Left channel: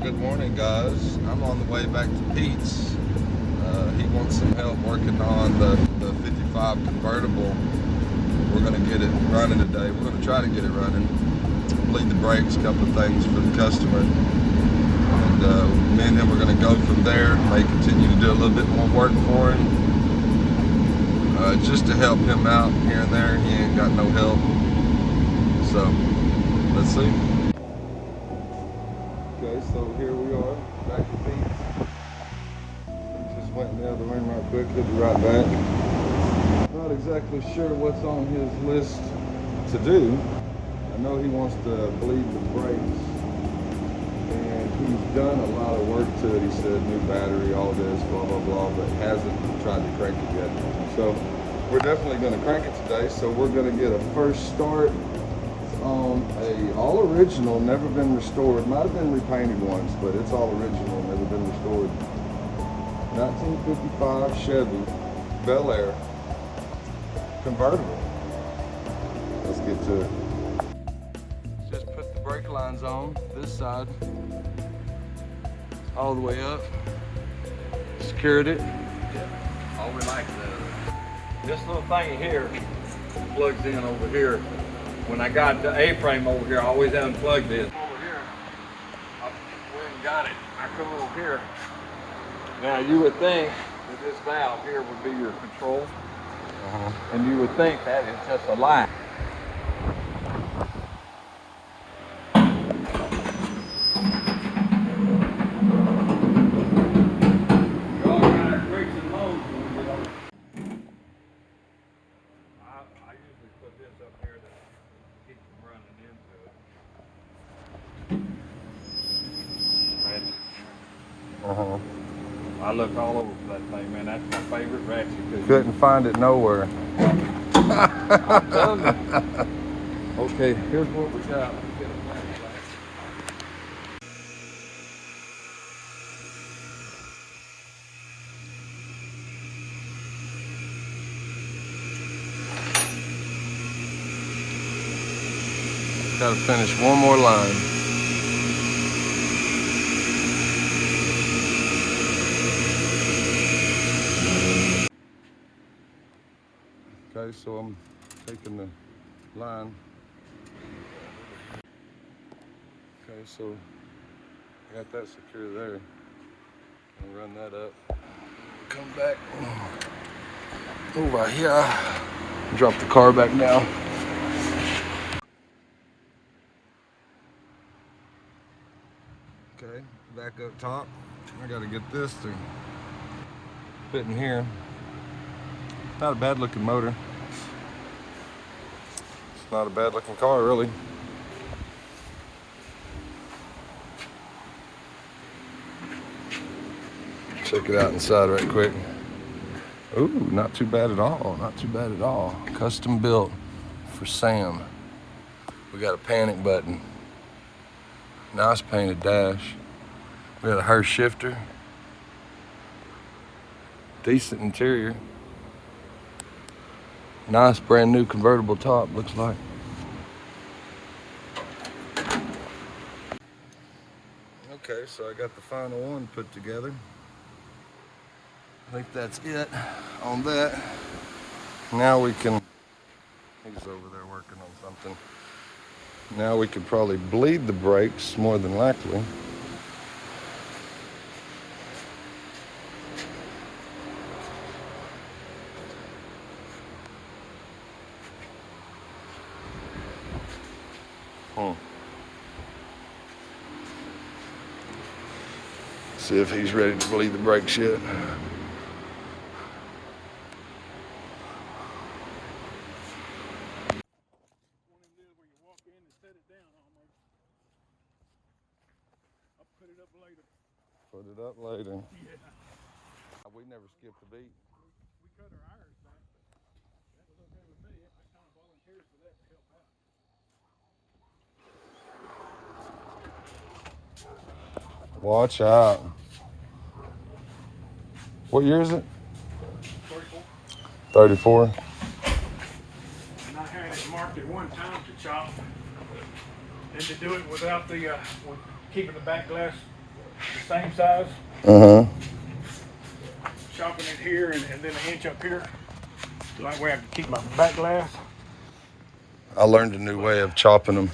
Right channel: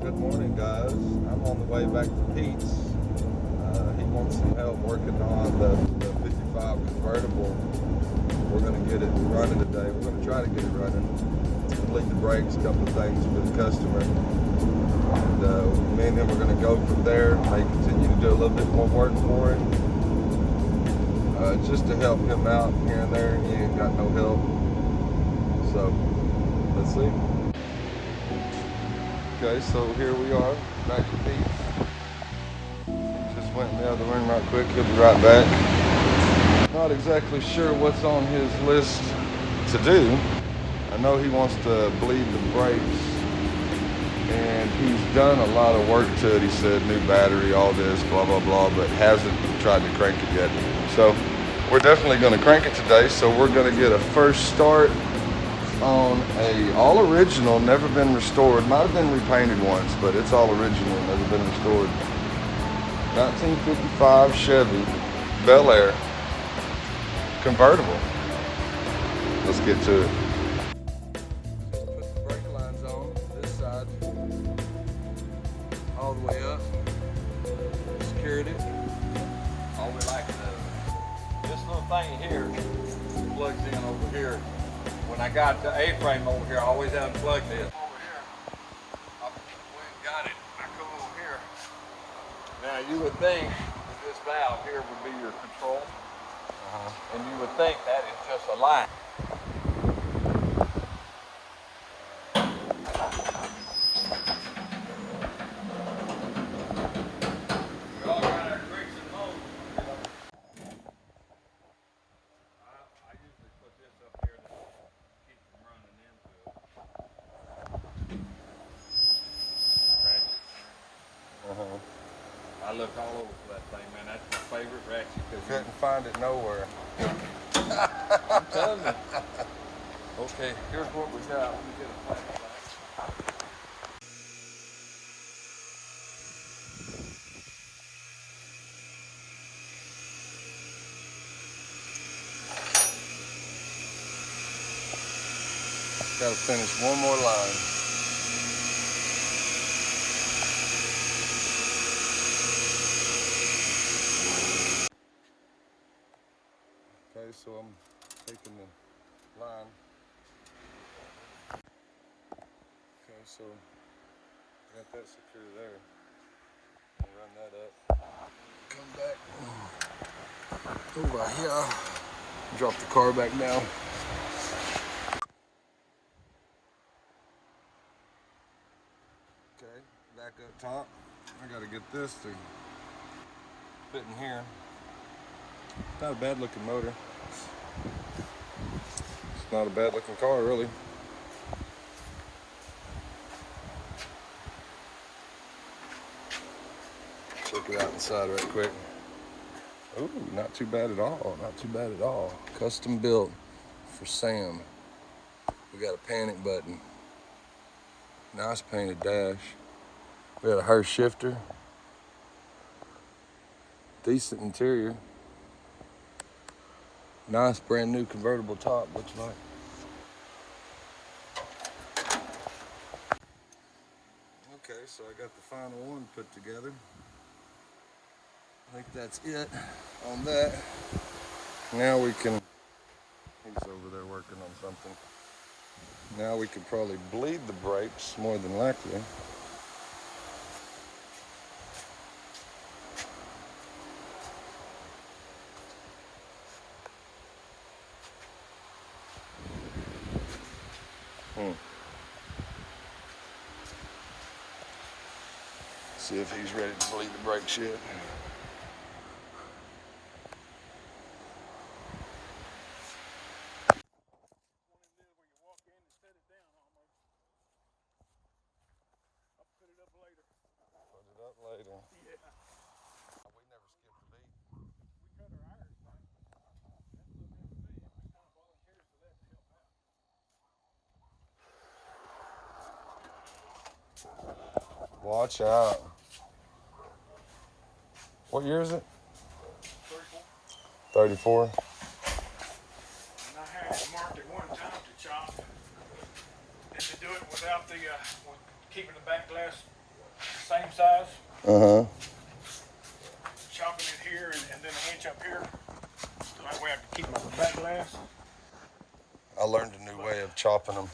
Good morning, guys. I'm on the way back to Pete's. He wants some help working on the 55 convertible. We're going to get it running today. We're going to try to get it running. Bleed the brakes, a couple of things for the customer. And me and him are going to go from there. May continue to do a little bit more work for him. Just to help him out here and there. He ain't got no help. So, let's see. Okay, so here we are, back to Pete's. Just went in the other room right quick, he'll be right back. Not exactly sure what's on his list to do. I know he wants to bleed the brakes, and he's done a lot of work to it. He said new battery, all this, blah, blah, blah, but hasn't tried to crank it yet. So we're definitely gonna crank it today, so we're gonna get a first start on a all original, never been restored. Might have been repainted once, but it's all original, never been restored. 1955 Chevy Bel-Air Convertible. Let's get to it. Just put the brake lines on this side, all the way up. Secured it. Yeah, all we like to do. This little thing here plugs in over here. When I got the A-frame over here, I always unplugged this. Over here, I went and got it. I come over here. Now you would think that this valve here would be your control, and you would think that it's just a line. You all got our brakes and modes when we get over. I usually put this up here to keep from running into it. I look all over the place, like, man, that's my favorite ratchet. Couldn't find it nowhere. I'm telling you. Okay, here's what we got. Gotta finish one more line. Okay, so I'm taking the line. Okay, so I got that secure there. And run that up. Come back over here. Drop the car back down. Okay, back up top. I gotta get this thing fit in here. Not a bad looking motor. It's not a bad looking car, really. Check it out inside right quick. Ooh, not too bad at all. Not too bad at all. Custom built for Sam. We got a panic button. Nice painted dash. We got a Hurst shifter. Decent interior. Nice brand new convertible top, looks like. Okay, so I got the final one put together. I think that's it on that. Now we can, he's over there working on something. Now we could probably bleed the brakes more than likely. See if he's ready to bleed the brakes yet. Put it up later. Yeah. We never skipped a beat. We cut our hours, man. That was okay with me. It was kind of volunteers for that to help out. Watch out. What year is it? 34. 34? And I had it marked at one time to chop, and to do it without the, with keeping the back glass the same size. Uh-huh. Chopping it here and then an inch up here. So that way I can keep my back glass. I learned a new way of chopping them.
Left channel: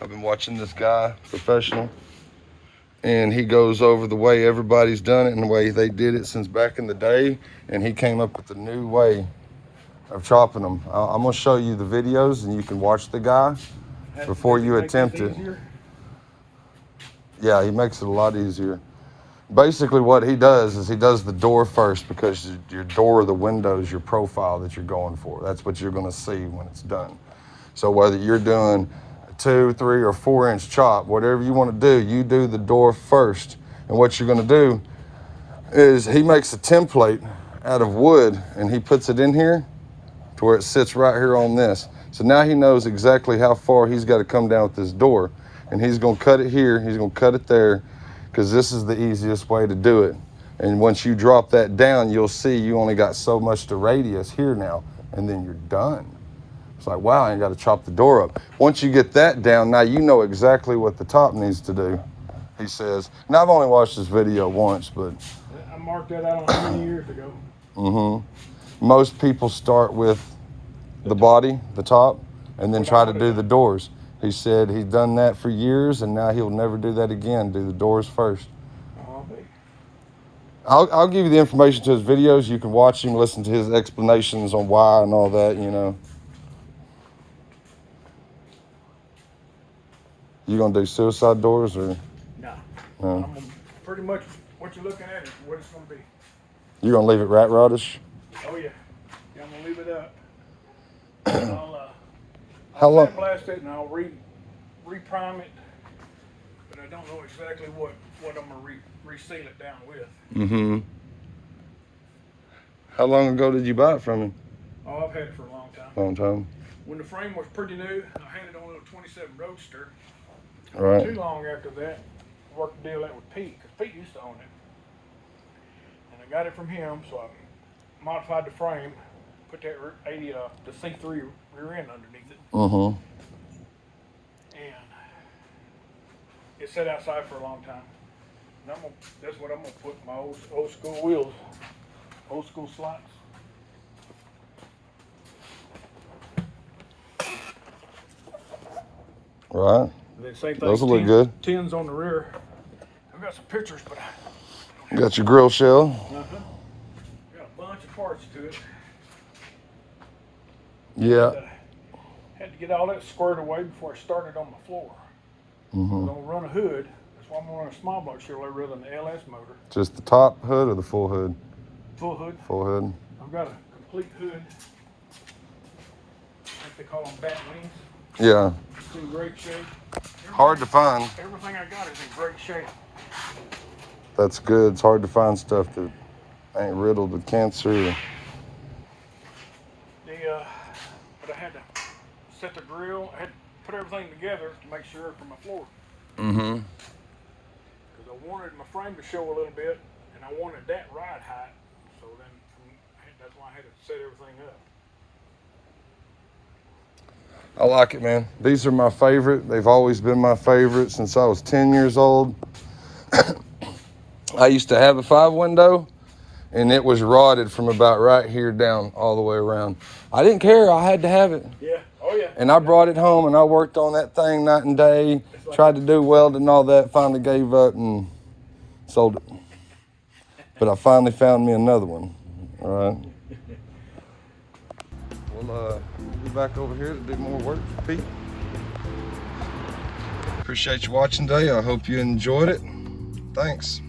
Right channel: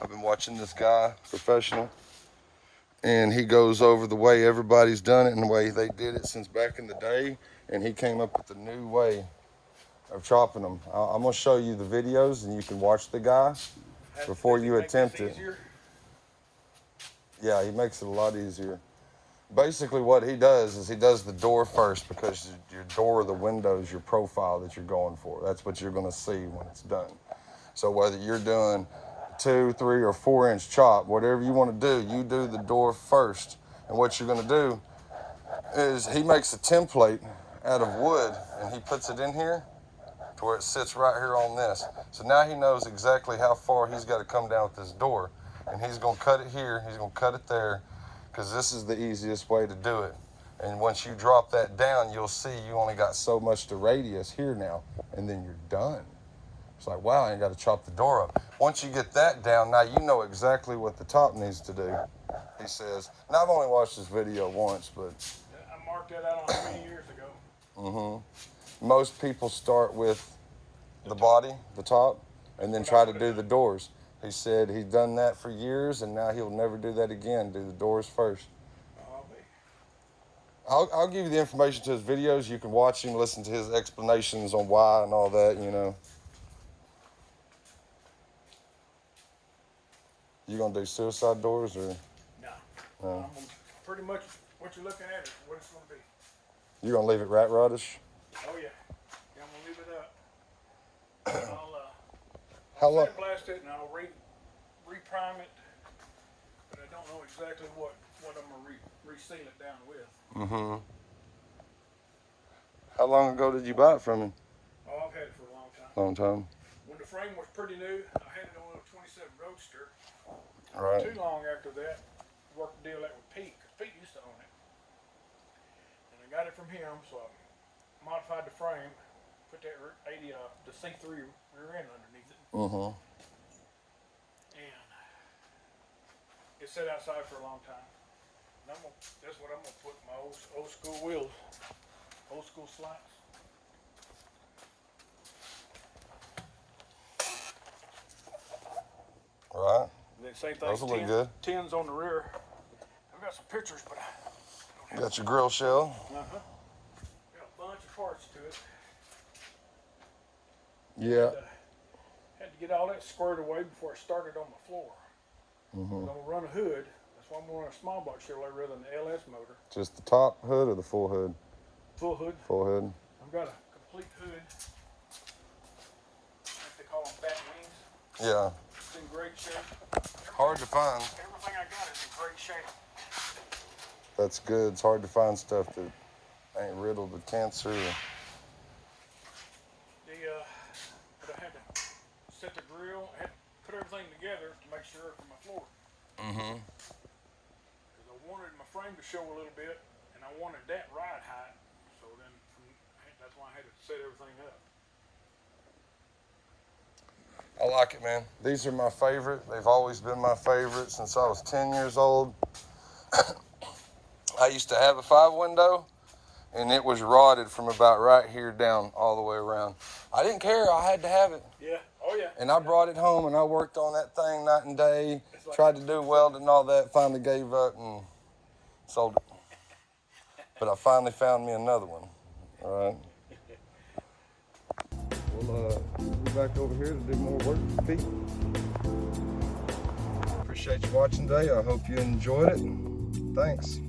I've been watching this guy, professional, and he goes over the way everybody's done it and the way they did it since back in the day, and he came up with a new way of chopping them. I'm gonna show you the videos and you can watch the guy before you attempt it. Yeah, he makes it a lot easier. Basically what he does is he does the door first, because your door or the window is your profile that you're going for. That's what you're gonna see when it's done. So whether you're doing 2, 3, or 4 inch chop, whatever you want to do, you do the door first. And what you're going to do is he makes a template out of wood and he puts it in here to where it sits right here on this. So now he knows exactly how far he's got to come down with this door, and he's going to cut it here, he's going to cut it there, because this is the easiest way to do it. And once you drop that down, you'll see you only got so much to radius here now, and then you're done. It's like, wow, I got to chop the door up. Once you get that down, now you know exactly what the top needs to do, he says. And I've only watched this video once, but... I marked that out on 20 years ago. Mm-hmm. Most people start with the body, the top, and then try to do the doors. He said he's done that for years, and now he'll never do that again. Do the doors first. I'll give you the information to his videos. You can watch him, listen to his explanations on why and all that, you know. You gonna do suicide doors or? No. No. Pretty much what you're looking at is what it's gonna be. You gonna leave it rat rodish? Oh yeah. I'm gonna leave it up. I'll How long? sandblast it and I'll re-prime it, but I don't know exactly what I'm gonna reseal it down with. Mm-hmm. How long ago did you buy it from him? Oh, I've had it for a long time. Long time. When the frame was pretty new, I had it on a 27 Roadster. Right. Too long after that, worked the deal out with Pete, because Pete used to own it. And I got it from him, so I modified the frame, put that the C3 rear end underneath it. Mm-hmm. And it sat outside for a long time. And that's what I'm gonna put my old school wheels, old school slots. Right. And then same thing. Those will look good. Tins on the rear. I've got some pictures, but You got your grill shell. Got a bunch of parts to it. Yeah. Had to get all that squared away before I started on my floor. Mm-hmm. I'm gonna run a hood. That's why I'm gonna run a small block Chevrolet rather than the LS motor. Just the top hood or the full hood? Full hood. Full hood. I've got a complete hood. Like they call them bat wings. Yeah. It's in great shape. Hard to find. Everything I got is in great shape. That's good. It's hard to find stuff that ain't riddled with cancer. But I had to set the grill. I had to put everything together to make sure for my floor. Mm-hmm. Because I wanted my frame to show a little bit, and I wanted that ride height. So then that's why I had to set everything up. I like it, man. These are my favorite. They've always been my favorite since I was 10 years old. I used to have a 5-window, and it was rotted from about right here down all the way around. I didn't care. I had to have it. Yeah. Oh, yeah. And I brought it home, and I worked on that thing night and day, tried to do welding and all that, finally gave up and sold it. But I finally found me another one. All right. We'll be back over here to do more work for Pete. Appreciate you watching today. I hope you enjoyed it. Thanks.